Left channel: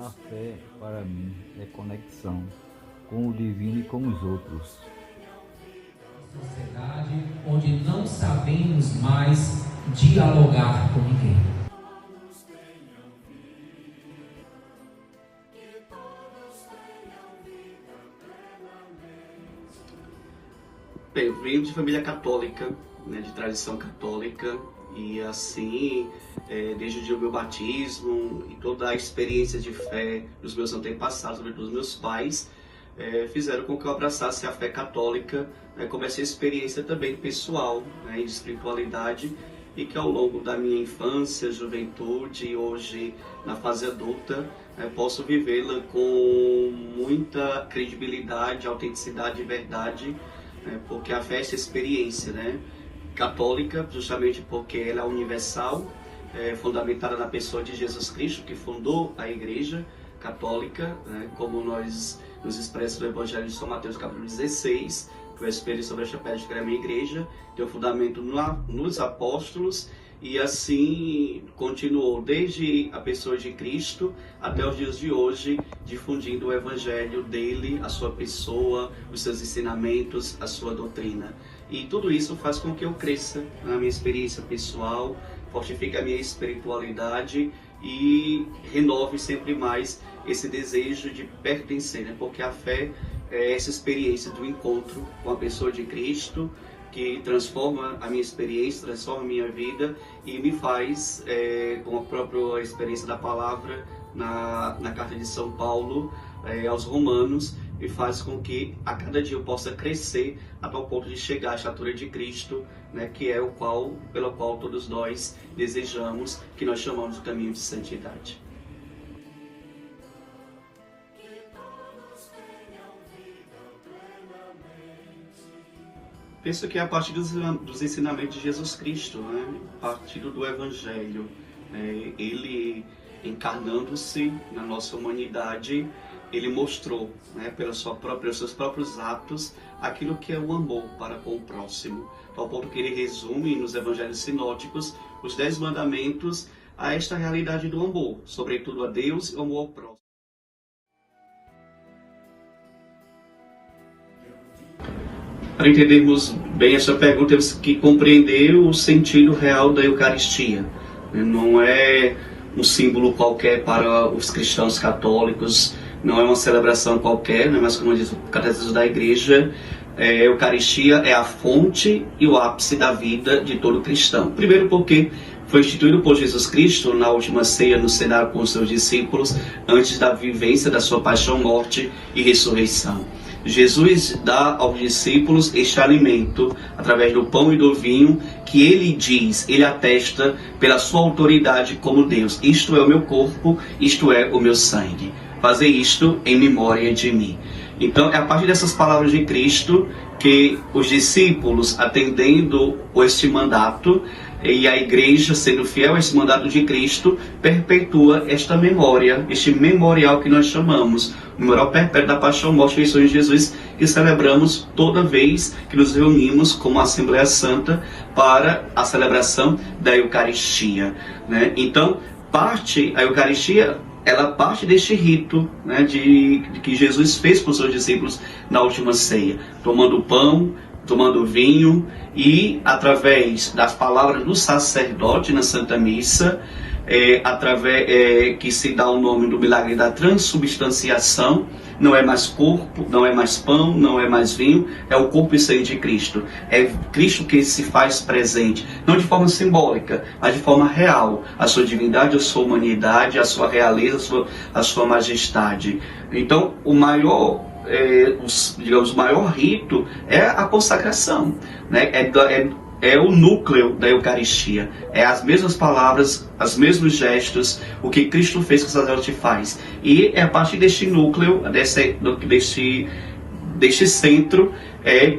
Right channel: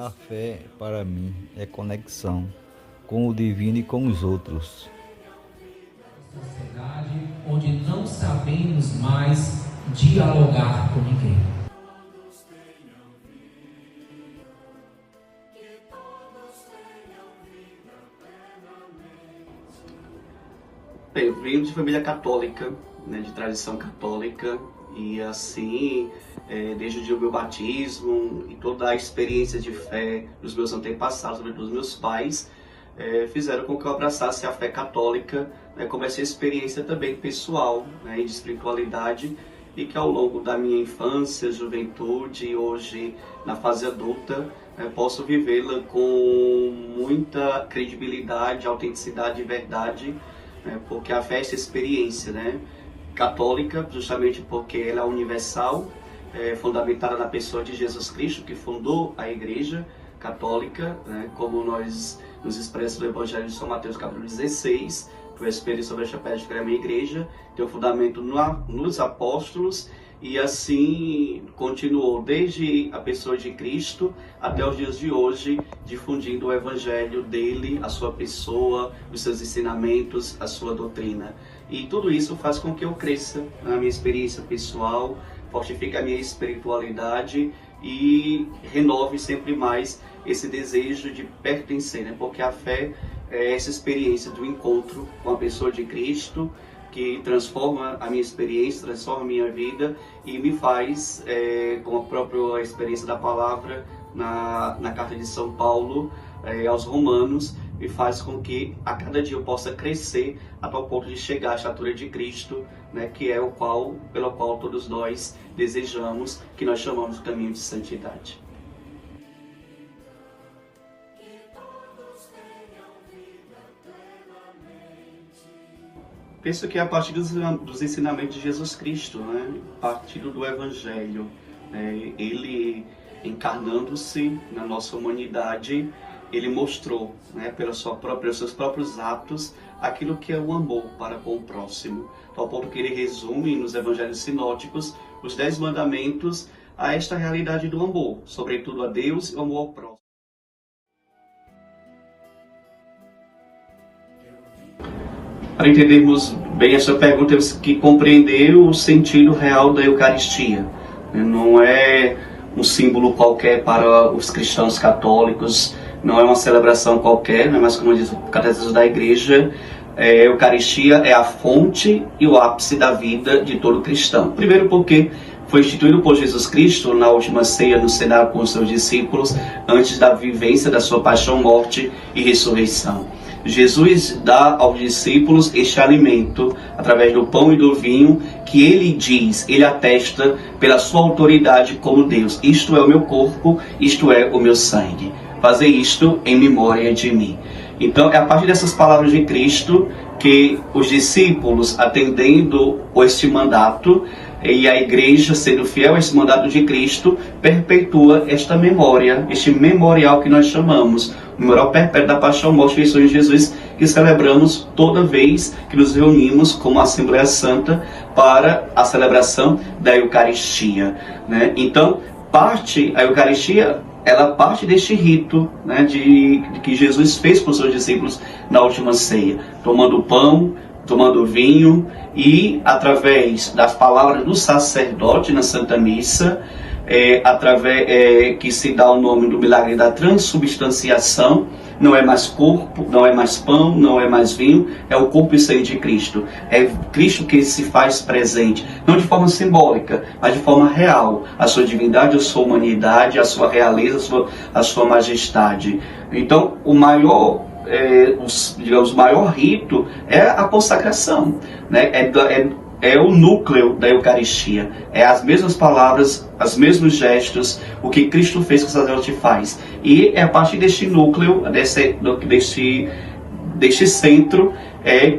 A fé, para mim, é conexão com o divino e com os outros. Sociedade onde não sabemos mais dialogar com ninguém. Bem, eu venho de família católica, né, de tradição católica, e assim, desde o dia do meu batismo e toda a experiência de fé dos meus antepassados, dos meus pais, fizeram com que eu abraçasse a fé católica, né, como essa experiência também pessoal, né, de espiritualidade, e que ao longo da minha infância, juventude e hoje na fase adulta, posso vivê-la com muita credibilidade, autenticidade e verdade, porque a fé é essa experiência, né, católica, justamente porque ela é universal, fundamentada na pessoa de Jesus Cristo, que fundou a Igreja Católica, né, como nós nos expressa no Evangelho de São Mateus, capítulo 16, que o Espelho sobre esta pedra que é a minha igreja, tem o fundamento nos apóstolos, e assim continuou desde a pessoa de Cristo até os dias de hoje, difundindo o Evangelho dele, a sua pessoa, os seus ensinamentos, a sua doutrina. E tudo isso faz com que eu cresça na minha experiência pessoal, fortifique a minha espiritualidade e renove sempre mais esse desejo de pertencer, né? Porque a fé é essa experiência do encontro com a pessoa de Cristo, que transforma a minha experiência, transforma a minha vida e me faz, com a própria experiência da palavra na carta de São Paulo aos Romanos, e faz com que a cada dia eu possa crescer a tal ponto de chegar à estatura de Cristo, né, que é pelo qual todos nós desejamos, que nós chamamos de caminho de santidade. Penso que é a partir dos ensinamentos de Jesus Cristo, né, a partir do Evangelho, ele encarnando-se na nossa humanidade, ele mostrou, né, pelos seus próprios atos, aquilo que é o amor para com o próximo. Ao ponto que ele resume nos evangelhos sinóticos os 10 mandamentos a esta realidade do amor, sobretudo a Deus e o amor ao próximo. Para entendermos bem essa pergunta, temos que compreender o sentido real da Eucaristia. Não é um símbolo qualquer para os cristãos católicos, não é uma celebração qualquer, mas como diz o Catecismo da Igreja, a Eucaristia é a fonte e o ápice da vida de todo cristão. Primeiro porque foi instituído por Jesus Cristo na última ceia no cenário com os seus discípulos, antes da vivência da sua paixão, morte e ressurreição. Jesus dá aos discípulos este alimento, através do pão e do vinho, que ele diz, ele atesta pela sua autoridade como Deus. Isto é o meu corpo, isto é o meu sangue. Fazer isto em memória de mim. Então, é a partir dessas palavras de Cristo que os discípulos, atendendo este mandato, e a igreja, sendo fiel a esse mandato de Cristo, perpetua esta memória, este memorial que nós chamamos, o memorial perpétuo da paixão, morte e ressurreição de Jesus, que celebramos toda vez que nos reunimos como Assembleia Santa para a celebração da Eucaristia, né? Então, a Eucaristia, ela parte deste rito, né, de que Jesus fez com os seus discípulos na última ceia, tomando pão, tomando vinho, e através da palavra do sacerdote na Santa Missa, que se dá o nome do milagre da transubstanciação, não é mais corpo, não é mais pão, não é mais vinho, é o corpo e sangue de Cristo. É Cristo que se faz presente, não de forma simbólica, mas de forma real, a sua divindade, a sua humanidade, a sua realeza, a sua majestade. Então, o maior digamos, o maior rito é a consagração, né? É o núcleo da Eucaristia, é as mesmas palavras, os mesmos gestos, o que Cristo fez que o sacerdote faz. E é a partir deste núcleo, deste centro,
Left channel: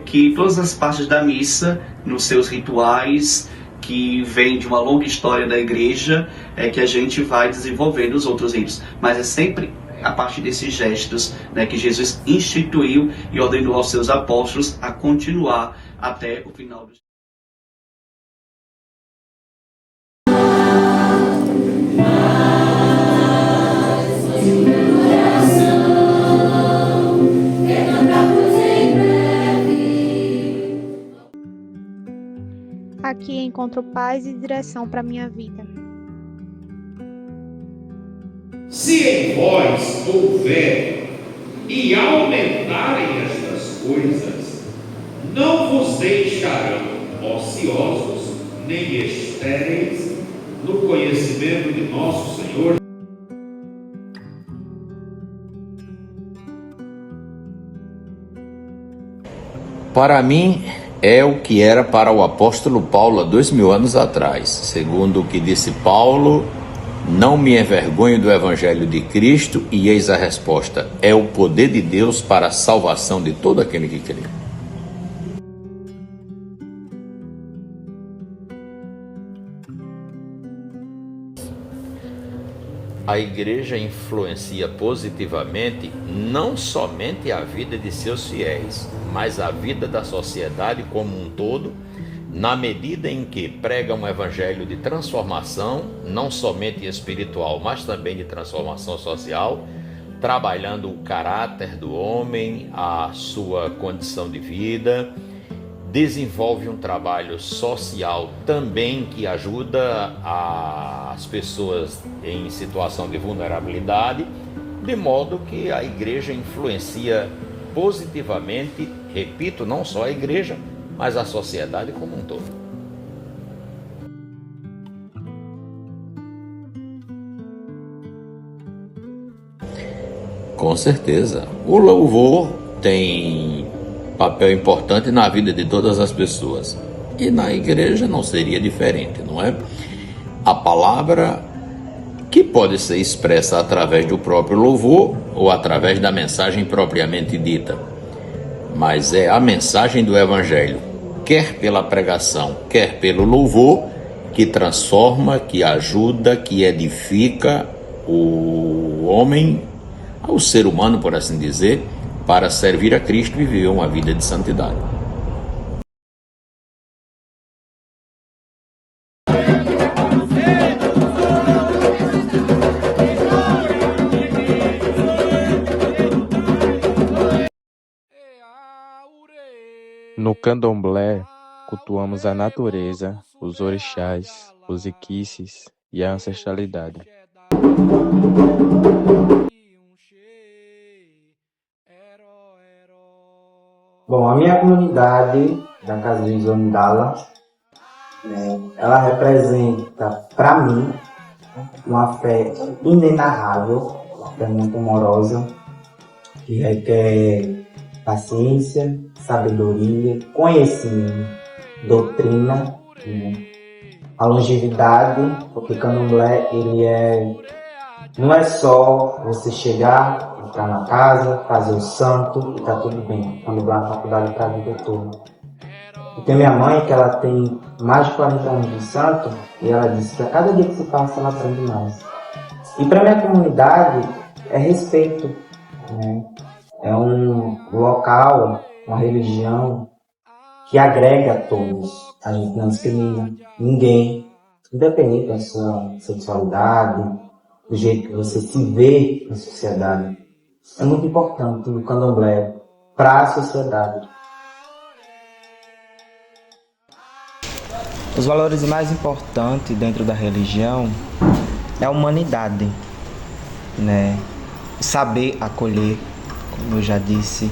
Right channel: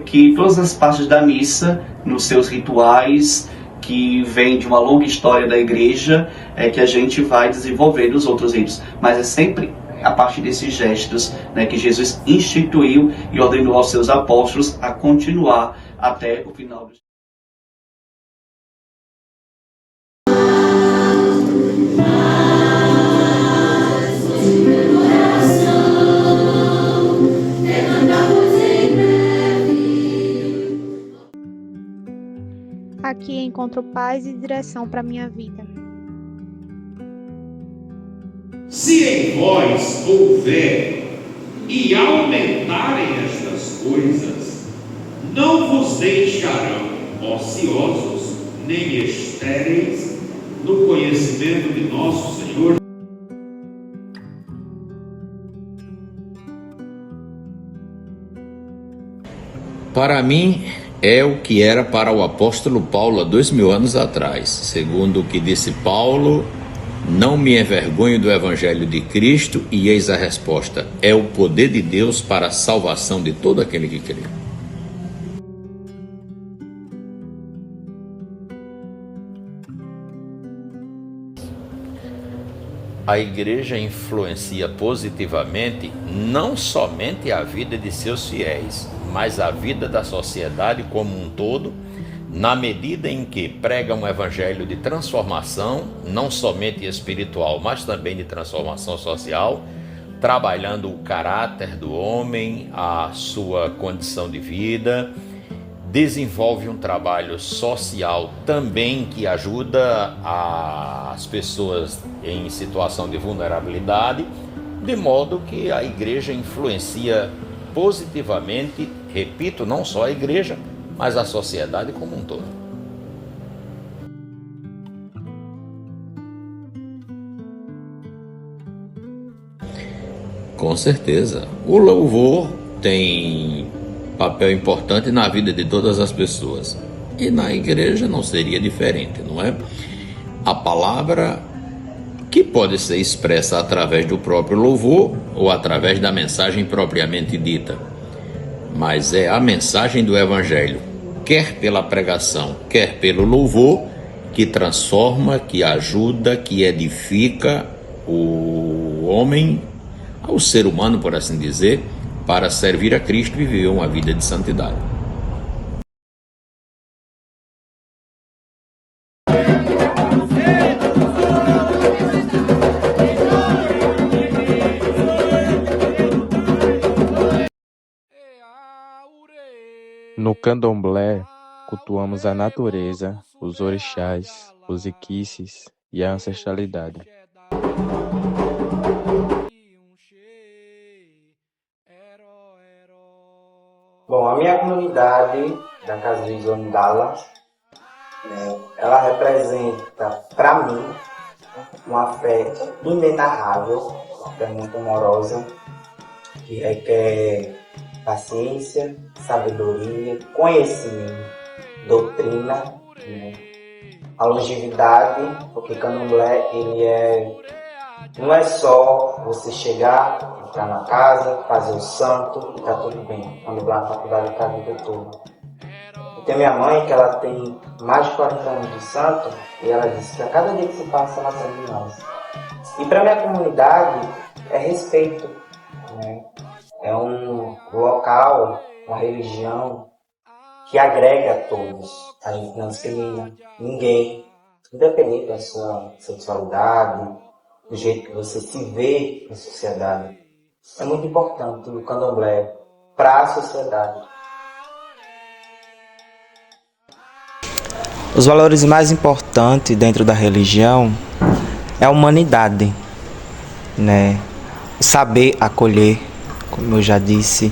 que todas as partes da missa, nos seus rituais, que vem de uma longa história da igreja, que a gente vai desenvolvendo os outros ritos. Mas é sempre a partir desses gestos, né, que Jesus instituiu e ordenou aos seus apóstolos a continuar até o final do Aqui encontro paz e direção para minha vida. Se em vós houver e aumentarem estas coisas, não vos deixarão ociosos nem estéreis no conhecimento de nosso Senhor. Para mim, é o que era para o apóstolo Paulo há 2000 anos atrás. Segundo o que disse Paulo, não me envergonho do evangelho de Cristo, e eis a resposta: é o poder de Deus para a salvação de todo aquele que crê. A igreja influencia positivamente não somente a vida de seus fiéis, mas a vida da sociedade como um todo, na medida em que prega um evangelho de transformação, não somente espiritual, mas também de transformação social, trabalhando o caráter do homem, a sua condição de vida, desenvolve um trabalho social também que ajuda as pessoas em situação de vulnerabilidade, de modo que a igreja influencia positivamente, repito, não só a igreja, mas a sociedade como um todo. Com certeza, o louvor tem papel importante na vida de todas as pessoas, e na igreja não seria diferente, não é? A palavra, que pode ser expressa através do próprio louvor ou através da mensagem propriamente dita, mas é a mensagem do evangelho, quer pela pregação, quer pelo louvor, que transforma, que ajuda, que edifica o homem, o ser humano, por assim dizer, para servir a Cristo e viver uma vida de santidade. No candomblé, cultuamos a natureza, os orixás, os iquices e a ancestralidade. Bom, a minha comunidade da Casa de Zondala, ela representa, para mim, uma fé inenarrável, é muito amorosa, que requer paciência, sabedoria, conhecimento, doutrina, a longevidade, porque candomblé não é só você chegar, entrar na casa, fazer o santo e tá tudo bem, quando vai na faculdade para a vida toda. Eu tenho minha mãe que ela tem mais de 40 anos de santo e ela disse que a cada dia que se passa ela aprende mais. E para minha comunidade é respeito, né? É um local, uma religião que agrega a todos. A gente não discrimina ninguém, independente da sua sexualidade, do jeito que você se vê na sociedade. Isso é muito importante no candomblé para a sociedade. Os valores mais importantes dentro da religião é a humanidade, né? O saber acolher, como eu já disse,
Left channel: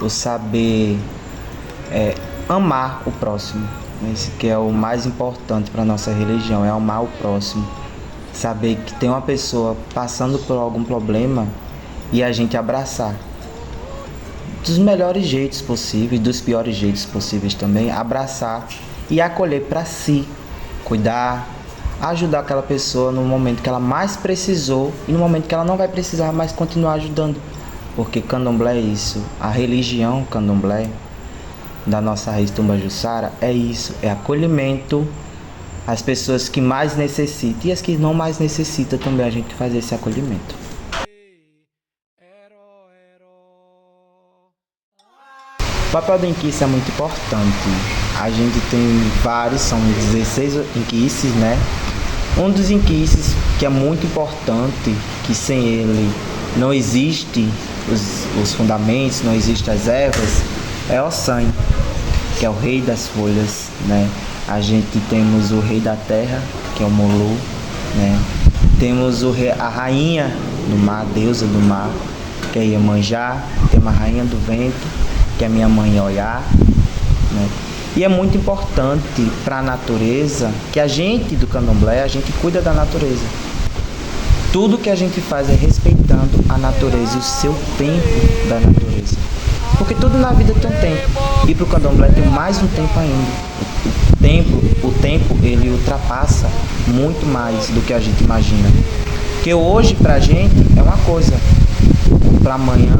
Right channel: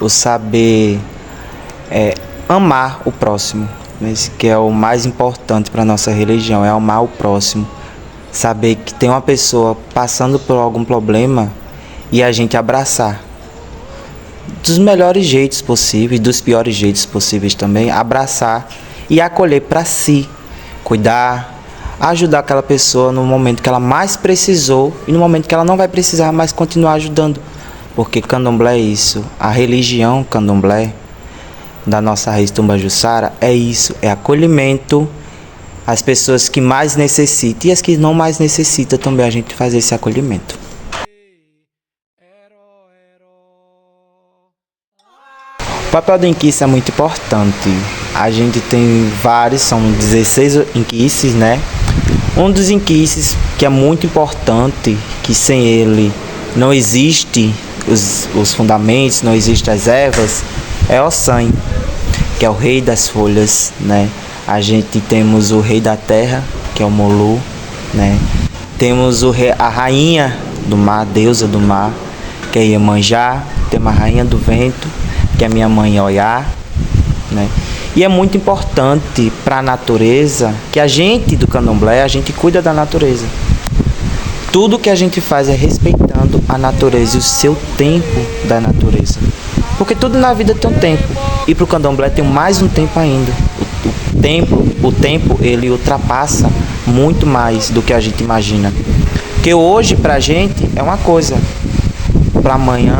o saber amar o próximo, esse que é o mais importante para a nossa religião, é amar o próximo. Saber que tem uma pessoa passando por algum problema e a gente abraçar. dos melhores jeitos possíveis, dos piores jeitos possíveis também, abraçar e acolher para si, cuidar, ajudar aquela pessoa no momento que ela mais precisou e no momento que ela não vai precisar mais continuar ajudando. Porque candomblé é isso, a religião candomblé da nossa raiz Tumbajuçara é isso, é acolhimento às pessoas que mais necessitam e as que não mais necessitam também a gente fazer esse acolhimento. O papel do inquice é muito importante. A gente tem vários, são 16 inquices, né? Um dos inquices que é muito importante, que sem ele não existe os fundamentos, não existem as ervas, é Ossan, que é o rei das folhas, né? A gente temos o rei da terra, que é o Molu, né? Temos a rainha do mar, a deusa do mar, que é Iemanjá. Temos a rainha do vento, que é minha mãe Oiá, né? E é muito importante para a natureza que a gente do candomblé, a gente cuida da natureza. Tudo que a gente faz é respeitando a natureza e o seu tempo da natureza. Porque tudo na vida tem um tempo. E para o candomblé tem mais um tempo ainda. O tempo, ele ultrapassa muito mais do que a gente imagina. Porque hoje, para a gente, é uma coisa. Para amanhã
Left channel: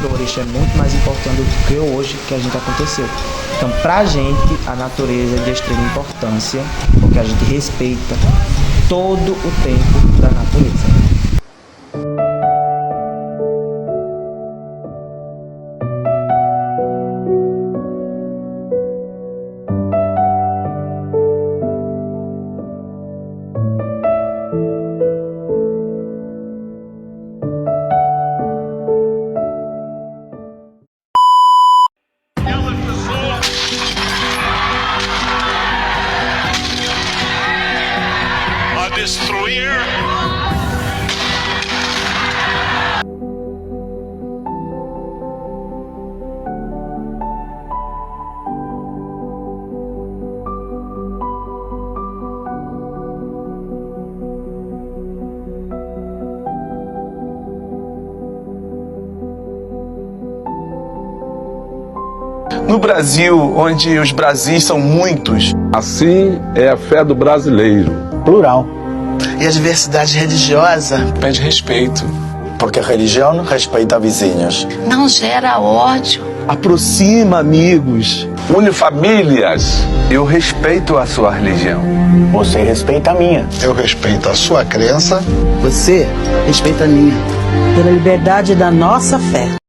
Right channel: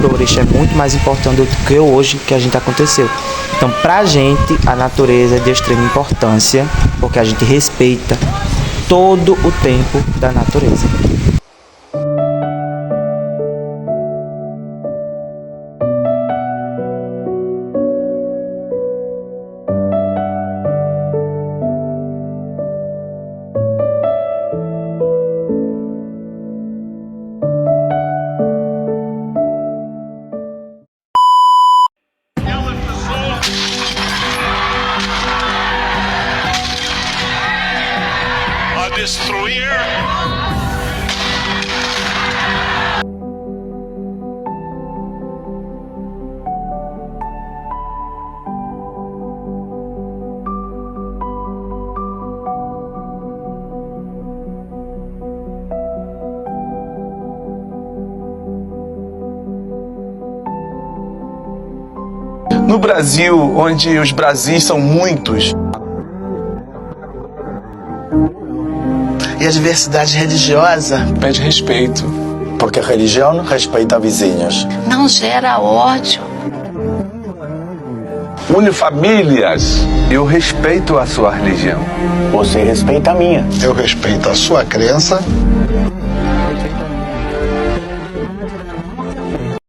para o orixá é muito mais importante do que hoje que a gente aconteceu. Então, para a gente, a natureza é de extrema importância, porque a gente respeita todo o tempo da natureza. Destruir. No Brasil, onde os Brasis são muitos. Assim é a fé do brasileiro. Plural. E a diversidade religiosa pede respeito. Porque a religião respeita vizinhos. Não gera ódio. Aproxima amigos. Une famílias. Eu respeito a sua religião. Você respeita a minha. Eu respeito a sua crença. Você respeita a minha. Pela liberdade da nossa fé.